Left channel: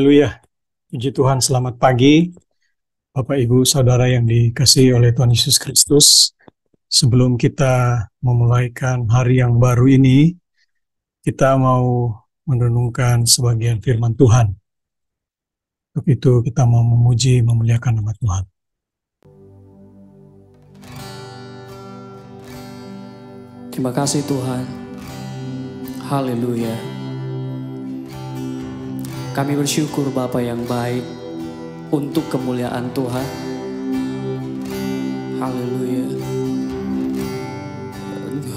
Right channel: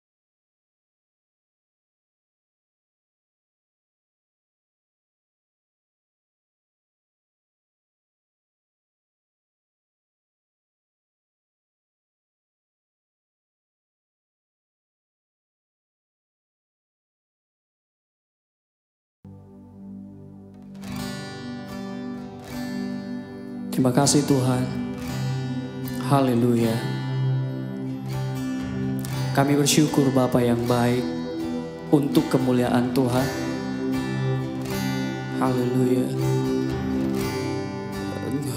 Haleluya. Puji Tuhan, selamat pagi Bapak Ibu Saudara yang dikasihi oleh Tuhan Yesus Kristus. Sebelum kita memulaikan hari yang baru ini, kita mau merenungkan sebagian firman Tuhan. Untuk itu kita mau memuji, memuliakan nama Tuhan. Terima kasih Tuhan. Haleluya. Kami bersyukur Bapa yang baik untuk kemuliaan Tuhan. Haleluya.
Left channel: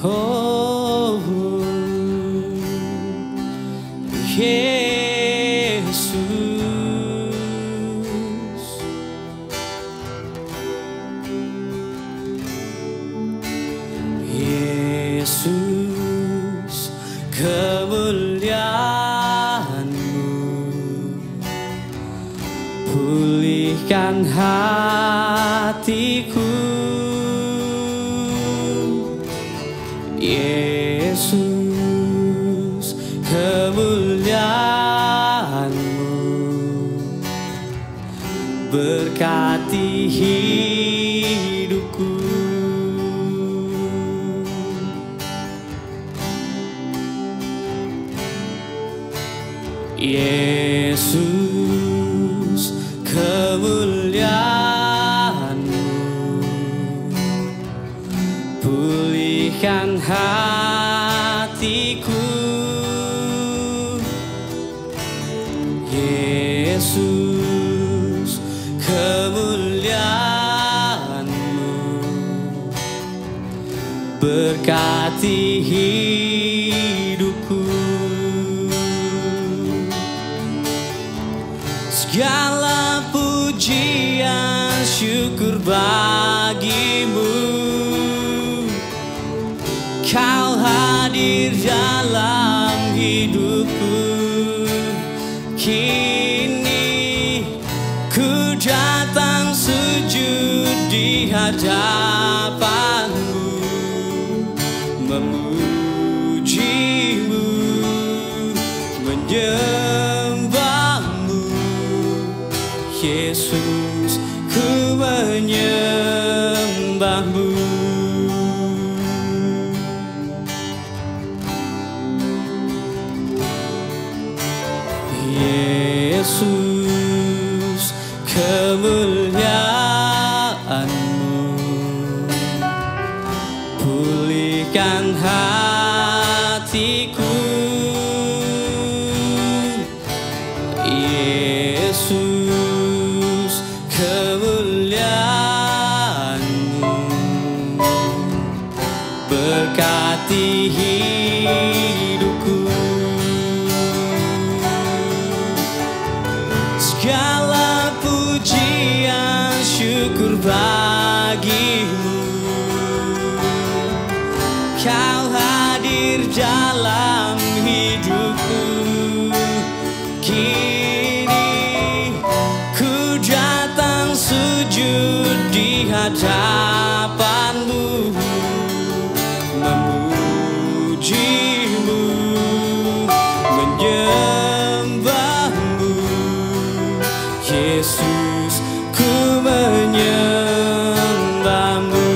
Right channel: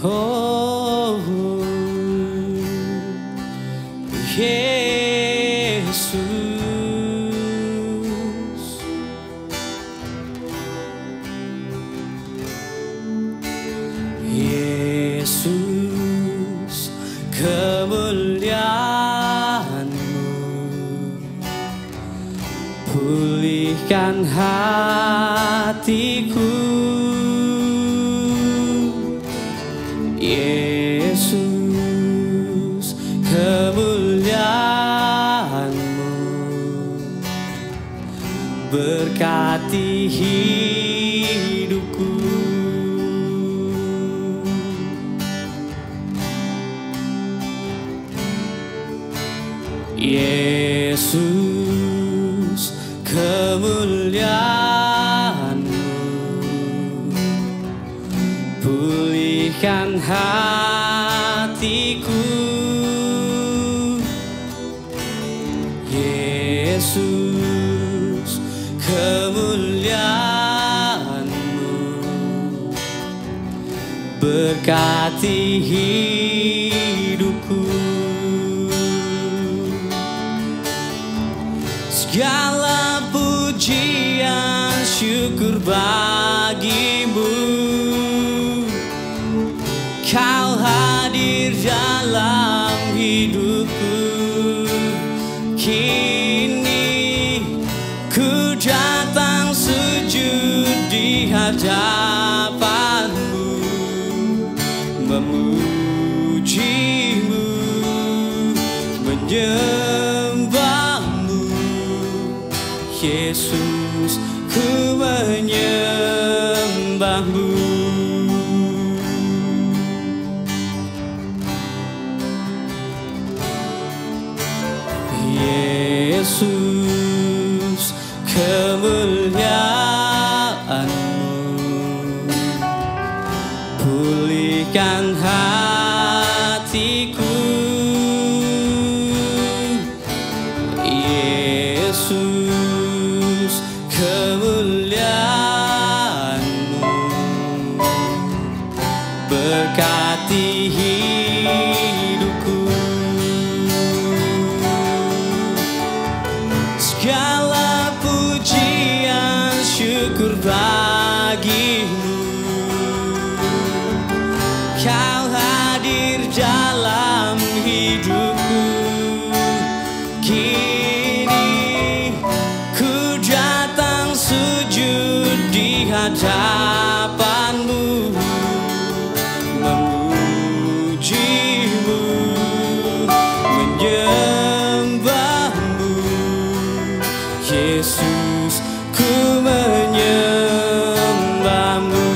Oh, Yesus. Yesus, kemuliaan-Mu pulihkan hatiku. Yesus, kemuliaan-Mu berkati hidupku. Yesus, kemuliaan-Mu pulihkan hatiku. Yesus, kemuliaan-Mu berkati hidupku. Segala pujian syukur bagi-Mu, Kau hadir dalam hidupku. Kini ku datang sujud di hadapan-Mu, memuji-Mu, menyembah-Mu. Yesus, ku menyembah-Mu. Yesus, kemuliaan-Mu pulihkan hatiku. Yesus, kemuliaan-Mu berkati hidupku. Segala pujian syukur bagi-Mu, Kau hadir dalam hidupku. Kini ku datang sujud di hadapan-Mu, memuji-Mu, menyembah-Mu. Yesus, ku menyembah-Mu.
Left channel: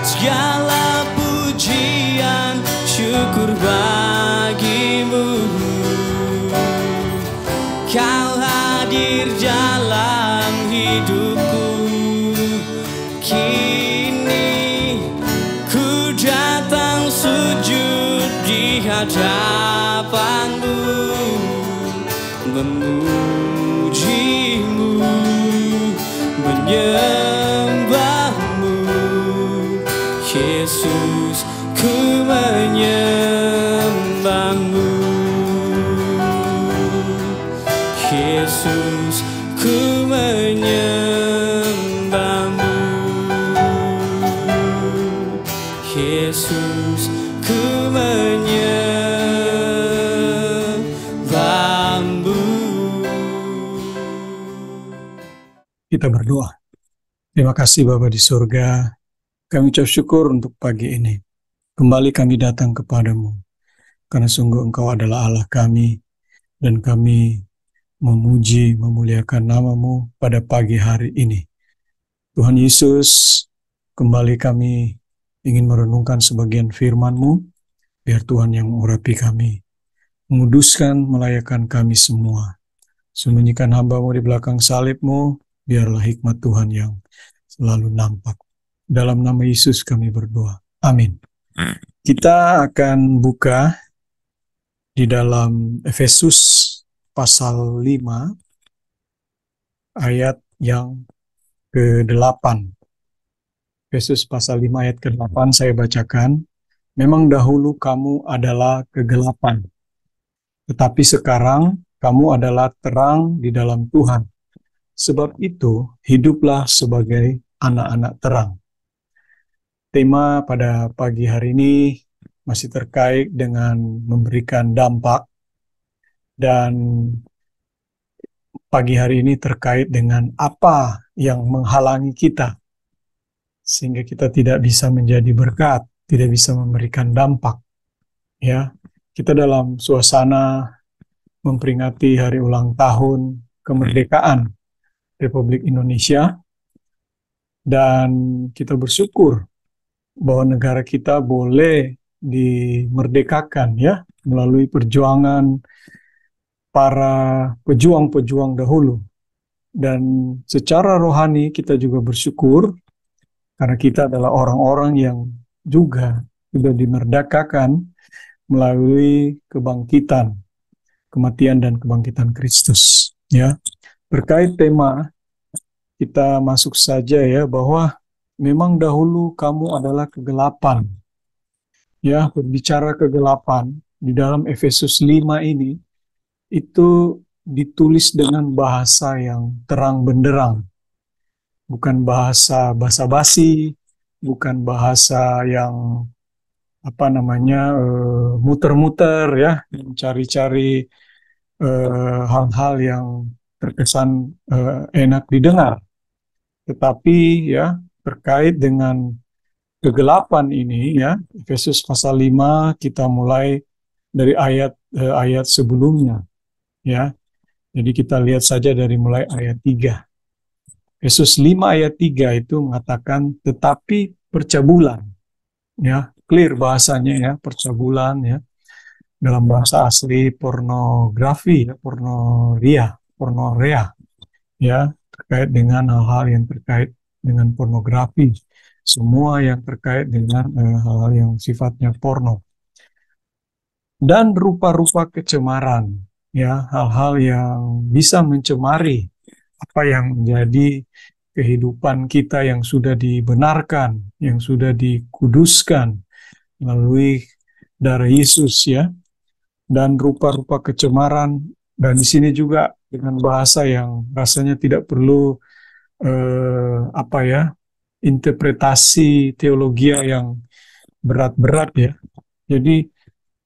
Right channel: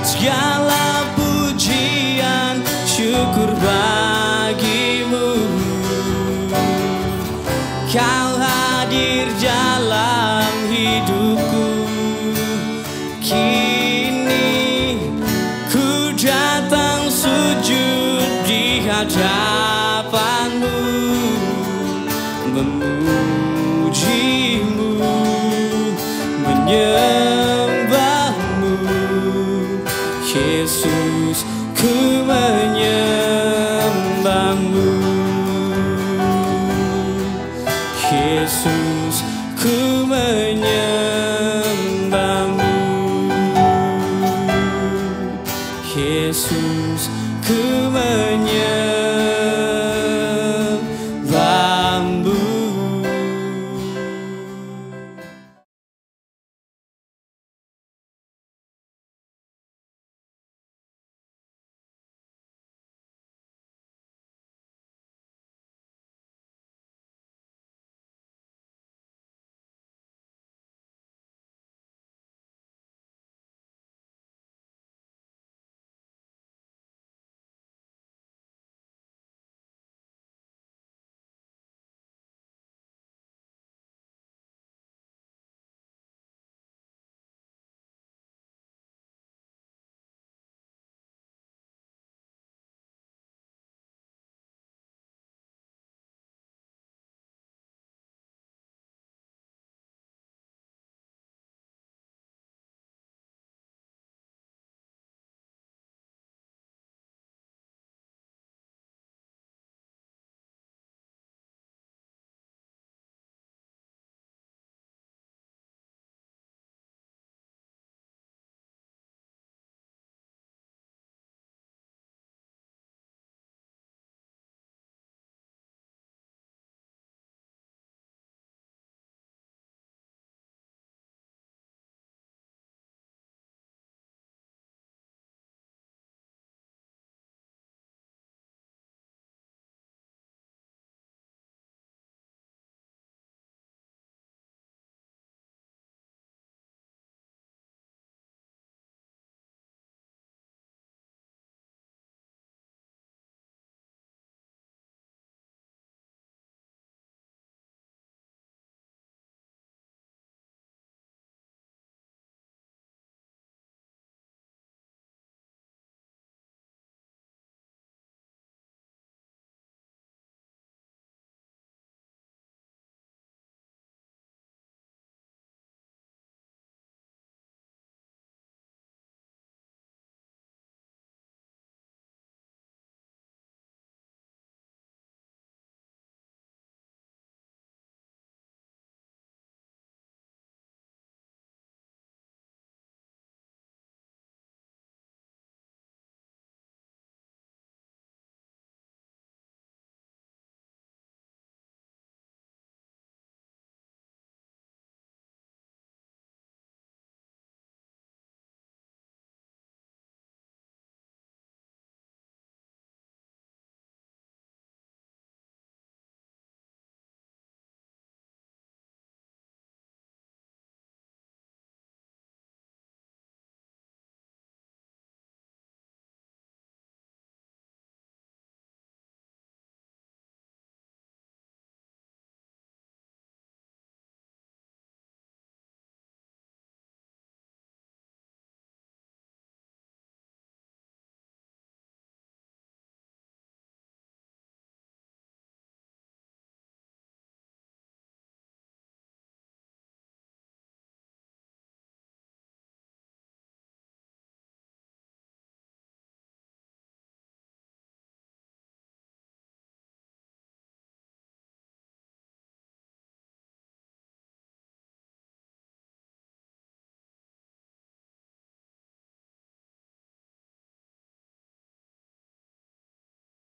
Segala pujian syukur bagi-Mu, Kau hadir dalam hidupku. Kini ku datang sujud di hadapan-Mu, memuji-Mu, menyembah-Mu. Yesus, ku menyembah-Mu. Yesus, ku menyembah-Mu. Yesus, ku menyembah-Mu. Kita berdoa. Terima kasih Bapa di surga. Kami ucap syukur untuk pagi ini. Kembali kami datang kepadamu. karena sungguh Engkau adalah Allah kami, dan kami memuji, memuliakan nama-Mu pada pagi hari ini. Tuhan Yesus, kembali kami ingin merenungkan sebagian firman-Mu, biar Tuhan yang mengurapi kami, menguduskan, melayakan kami semua. Sembunyikan hamba-Mu di belakang salib-Mu, biarlah hikmat Tuhan yang selalu nampak. Dalam nama Yesus kami berdoa. Amin. Kita akan buka di dalam Efesus pasal 5 ayat yang ke-8. Efesus pasal 5 ayat ke-8 saya bacakan. Memang dahulu kamu adalah kegelapan, tetapi sekarang kamu adalah terang di dalam Tuhan. Sebab itu, hiduplah sebagai anak-anak terang. Tema pada pagi hari ini masih terkait dengan memberikan dampak, dan pagi hari ini terkait dengan apa yang menghalangi kita sehingga kita tidak bisa menjadi berkat, tidak bisa memberikan dampak. Ya, kita dalam suasana memperingati hari ulang tahun kemerdekaan Republik Indonesia, dan kita bersyukur bahwa negara kita boleh dimerdekakan ya melalui perjuangan para pejuang-pejuang dahulu. Dan secara rohani kita juga bersyukur karena kita adalah orang-orang yang juga sudah dimerdekakan melalui kebangkitan, kematian dan kebangkitan Kristus. Ya, terkait tema kita masuk saja ya, bahwa memang dahulu kamu adalah kegelapan. Ya, berbicara kegelapan di dalam Efesus 5 ini itu ditulis dengan bahasa yang terang benderang, bukan bahasa basa-basi, bukan bahasa yang muter-muter ya, mencari-cari hal-hal yang terkesan enak didengar. Tetapi ya, terkait dengan kegelapan ini ya, Efesus pasal 5 kita mulai dari ayat sebelumnya ya. Jadi kita lihat saja dari mulai ayat 3. Efesus 5 ayat 3 itu mengatakan tetapi percabulan. Ya, clear bahasanya ya, percabulan ya. Dalam bahasa asli pornografi ya, pornorea ya, terkait dengan hal-hal yang terkait dengan pornografi. Semua yang terkait dengan hal-hal yang sifatnya porno. Dan rupa-rupa kecemaran ya, hal-hal yang bisa mencemari apa yang menjadi kehidupan kita yang sudah dibenarkan, yang sudah dikuduskan melalui darah Yesus ya. Dan rupa-rupa kecemaran, dan di sini juga dengan bahasa yang rasanya tidak perlu interpretasi teologi yang berat-berat ya. Jadi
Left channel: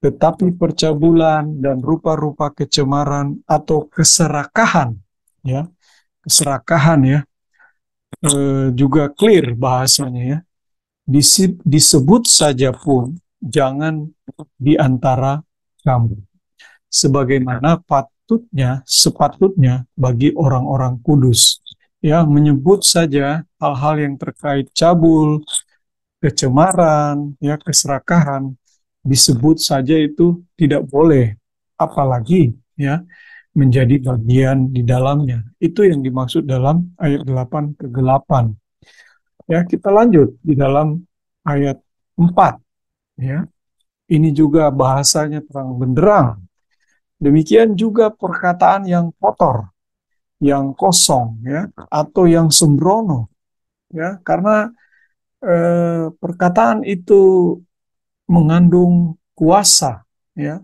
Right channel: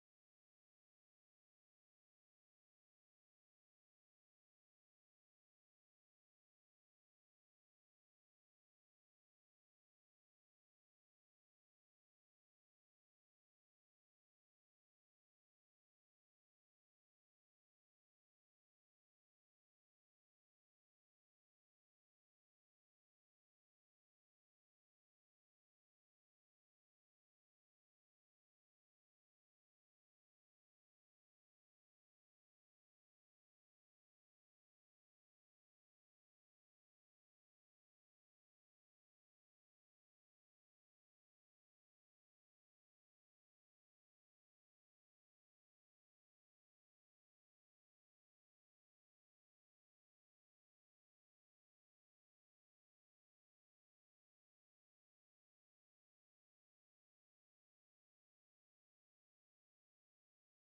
tetapi percabulan dan rupa-rupa kecemaran atau keserakahan ya, keserakahan ya, juga clear bahasanya ya. Disebut saja pun jangan di antara kamu, sebagaimana sepatutnya bagi orang-orang kudus. Ya, menyebut saja hal-hal yang terkait cabul, kecemaran, ya, keserakahan, disebut saja itu tidak boleh, apalagi ya menjadi bagian di dalamnya. Itu yang dimaksud dalam ayat 8 ke 8. Ya, kita lanjut di dalam ayat 4 ya. Ini juga bahasanya terang benderang. Demikian juga perkataan yang kotor, yang kosong ya, atau yang sembrono ya, karena perkataan itu mengandung kuasa ya.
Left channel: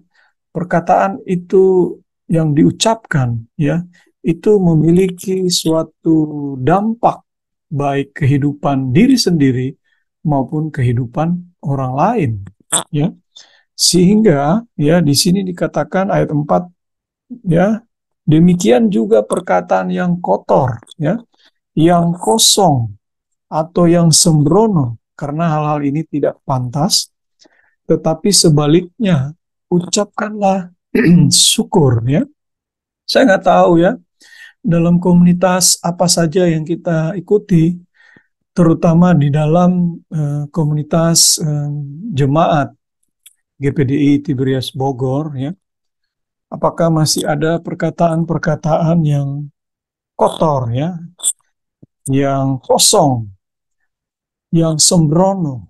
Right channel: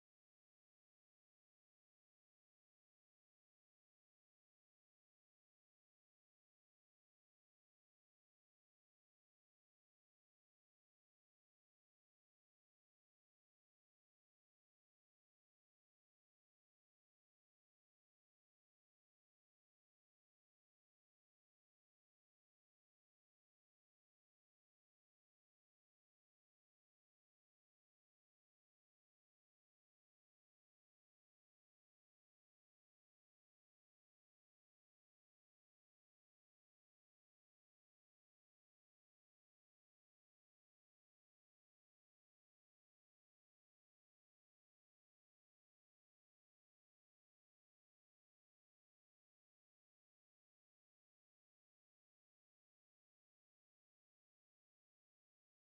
Perkataan itu yang diucapkan ya, itu memiliki suatu dampak baik kehidupan diri sendiri maupun kehidupan orang lain ya. Sehingga ya di sini dikatakan ayat 4 ya, demikian juga perkataan yang kotor ya, yang kosong atau yang sembrono, karena hal-hal ini tidak pantas, tetapi sebaliknya ucapkanlah syukur ya. Saya nggak tahu ya, dalam komunitas apa saja yang kita ikuti, terutama di dalam komunitas jemaat GPDI Tiberias Bogor ya. Apakah masih ada perkataan-perkataan yang kotor ya, yang kosong, yang sembrono,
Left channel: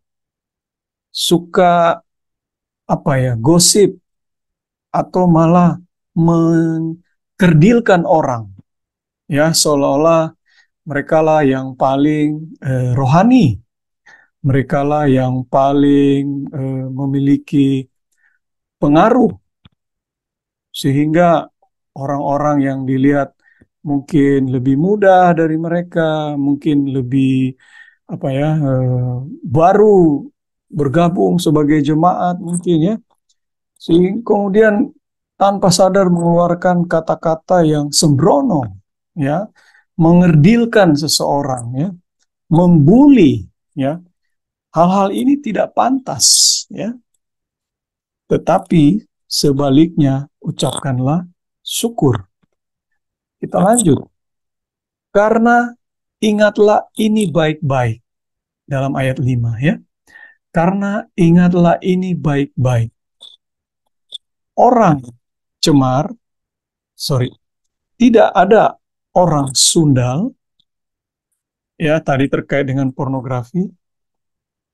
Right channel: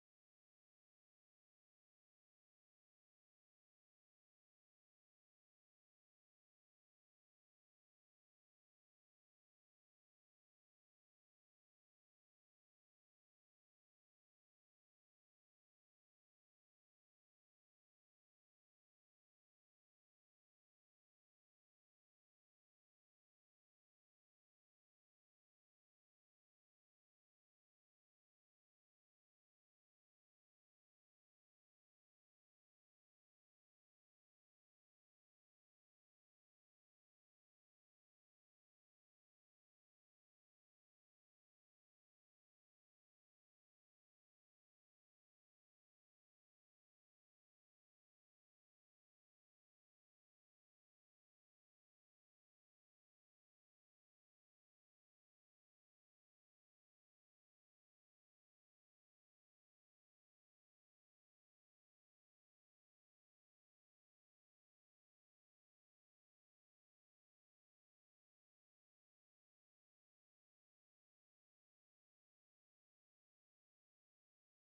suka gosip, atau malah mengkerdilkan orang ya, seolah-olah mereka lah yang paling rohani, mereka lah yang paling memiliki pengaruh, sehingga orang-orang yang dilihat mungkin lebih muda dari mereka, mungkin lebih baru bergabung sebagai jemaat mungkin ya, sehingga kemudian tanpa sadar mengeluarkan kata-kata yang sembrono ya, mengerdilkan seseorang ya, membuli ya. Hal-hal ini tidak pantas ya. Tetapi sebaliknya ucapkanlah syukur. Kita lanjut. Karena ingatlah ini baik-baik dalam ayat 5 ya. Karena ingatlah ini baik-baik. Orang cemar, tidak ada orang sundal, ya tadi terkait dengan pornografi,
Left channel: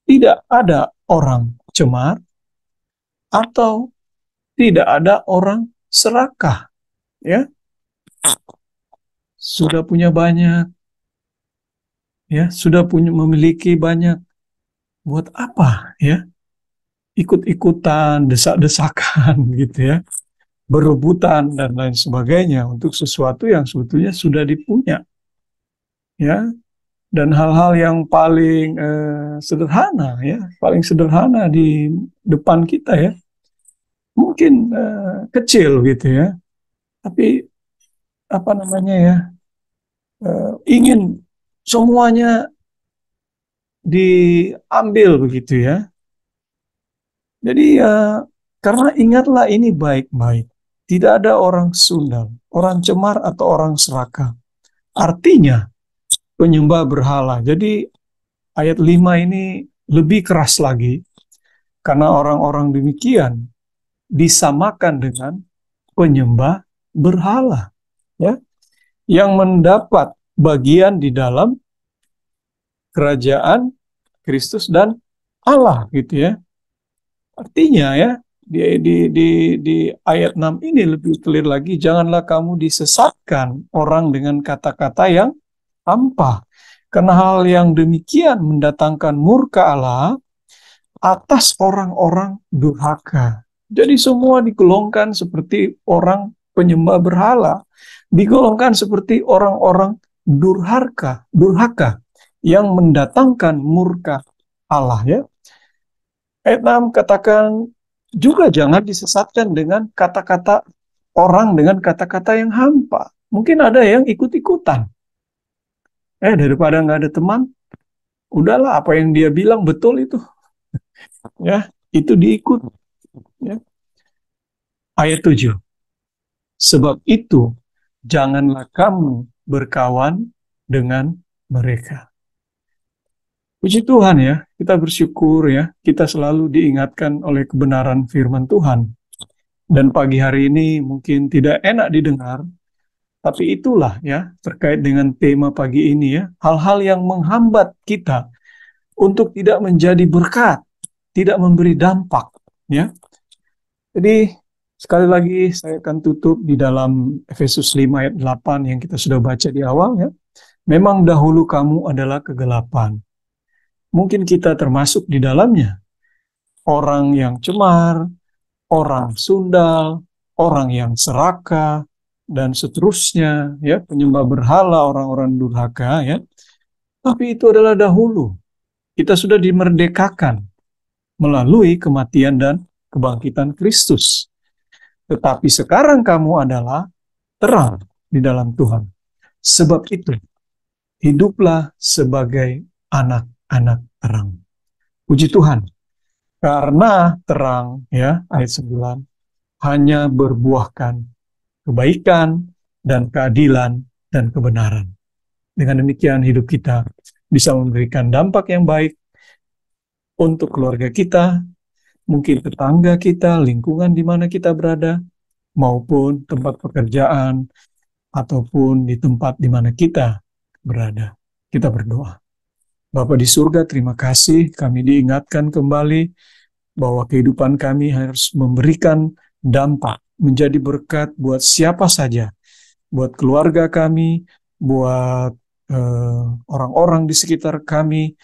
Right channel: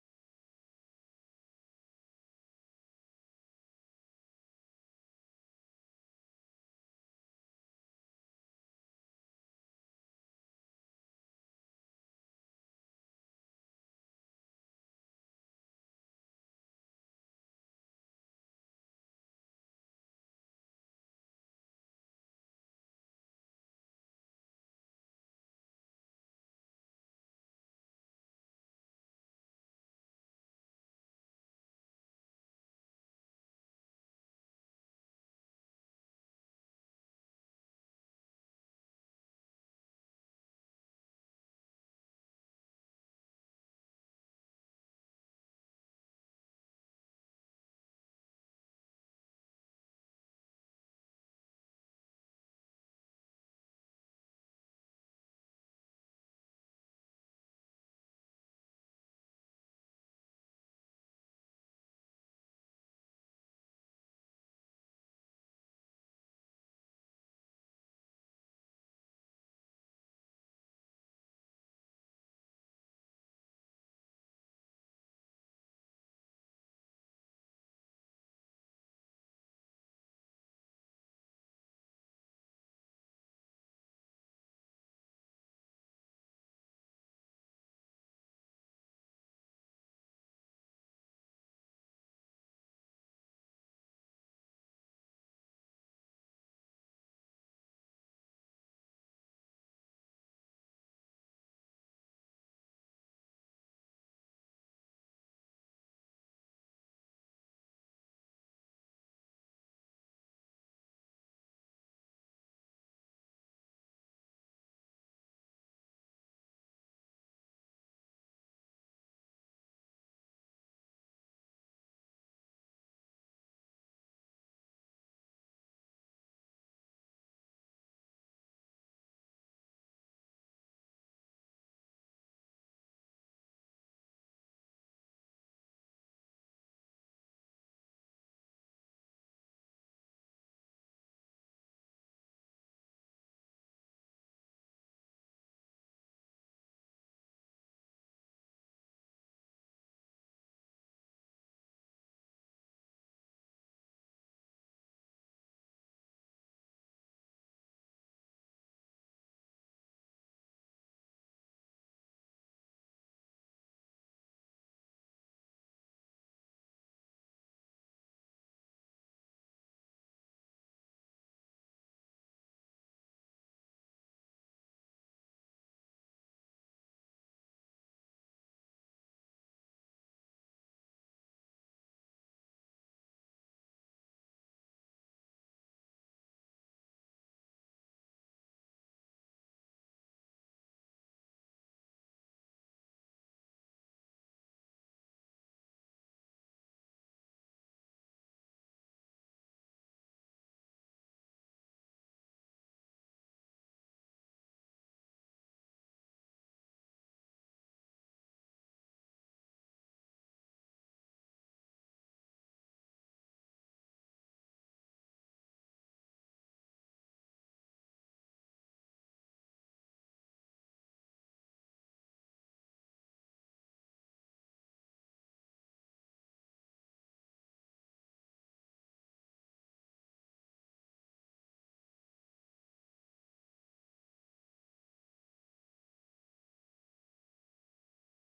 tidak ada orang cemar, atau tidak ada orang serakah, ya sudah punya banyak, ya sudah memiliki banyak, buat apa ya ikut-ikutan, desak-desakan gitu ya, berebutan dan lain sebagainya untuk sesuatu yang sebetulnya sudah dipunya ya. Dan hal-hal yang paling sederhana ya, paling sederhana di depan kita ya, mungkin kecil gitu ya, tapi ingin semuanya diambil begitu ya. Jadi karena ingatlah ini baik-baik, tidak ada orang sundal, orang cemar atau orang serakah. Artinya penyembah berhala. Jadi ayat 5 ini lebih keras lagi, karena orang-orang demikian disamakan dengan penyembah berhala ya, yang mendapat bagian di dalam kerajaan Kristus dan Allah gitu ya. Artinya ya, di ayat 6 ini lebih clear lagi, janganlah kamu disesatkan orang dengan kata-kata yang hampa, karena hal yang demikian mendatangkan murka Allah atas orang-orang durhaka. Jadi semua digolongkan seperti orang penyembah berhala, digolongkan seperti orang-orang durhaka yang mendatangkan murka Allah ya. Ayat 6 katakan juga jangan disesatkan dengan kata-kata orang dengan kata-kata yang hampa. Mungkin ada yang ikut-ikutan. Daripada nggak ada teman, udahlah apa yang dia bilang betul itu. Ya, itu diikut. Ya. Ayat 7. Sebab itu janganlah kamu berkawan dengan mereka. Puji Tuhan ya, kita bersyukur ya, kita selalu diingatkan oleh kebenaran firman Tuhan. Dan pagi hari ini mungkin tidak enak didengar, tapi itulah ya, terkait dengan tema pagi ini ya, hal-hal yang menghambat kita untuk tidak menjadi berkat, tidak memberi dampak ya. Jadi sekali lagi saya akan tutup di dalam Efesus 5 ayat 8 yang kita sudah baca di awal ya. Memang dahulu kamu adalah kegelapan. Mungkin kita termasuk di dalamnya. Orang yang cemar, orang sundal, orang yang serakah, dan seterusnya, ya, penyembah berhala, orang-orang durhaka, ya. Tapi itu adalah dahulu. Kita sudah dimerdekakan melalui kematian dan kebangkitan Kristus. Tetapi sekarang kamu adalah terang di dalam Tuhan. Sebab itu, hiduplah sebagai anak-anak terang. Puji Tuhan. Karena terang, ya, ayat 9, hanya berbuahkan kebaikan dan keadilan dan kebenaran. Dengan demikian hidup kita bisa memberikan dampak yang baik untuk keluarga kita, mungkin tetangga kita, lingkungan di mana kita berada, maupun tempat pekerjaan, ataupun di tempat di mana kita berada. Kita berdoa. Bapa di surga, terima kasih kami diingatkan kembali bahwa kehidupan kami harus memberikan dampak, menjadi berkat buat siapa saja, buat keluarga kami, buat orang-orang di sekitar kami,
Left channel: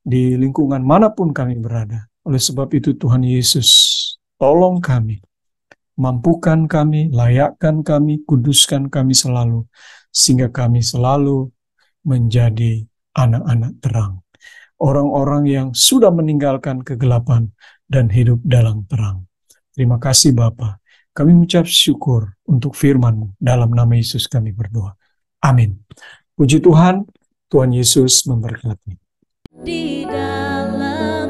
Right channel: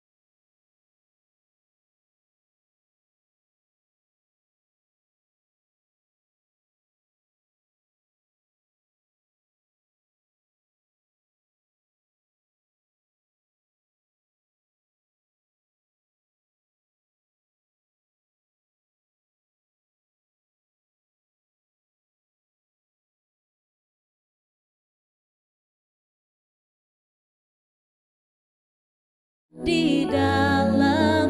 di lingkungan manapun kami berada. Oleh sebab itu Tuhan Yesus, tolong kami, mampukan kami, layakkan kami, kuduskan kami selalu, sehingga kami selalu menjadi anak-anak terang. Orang-orang yang sudah meninggalkan kegelapan dan hidup dalam terang. Terima kasih Bapa. Kami mengucap syukur untuk firman-Mu. Dalam nama Yesus kami berdoa. Amin. Puji Tuhan, Tuhan Yesus memberkati. Di dalam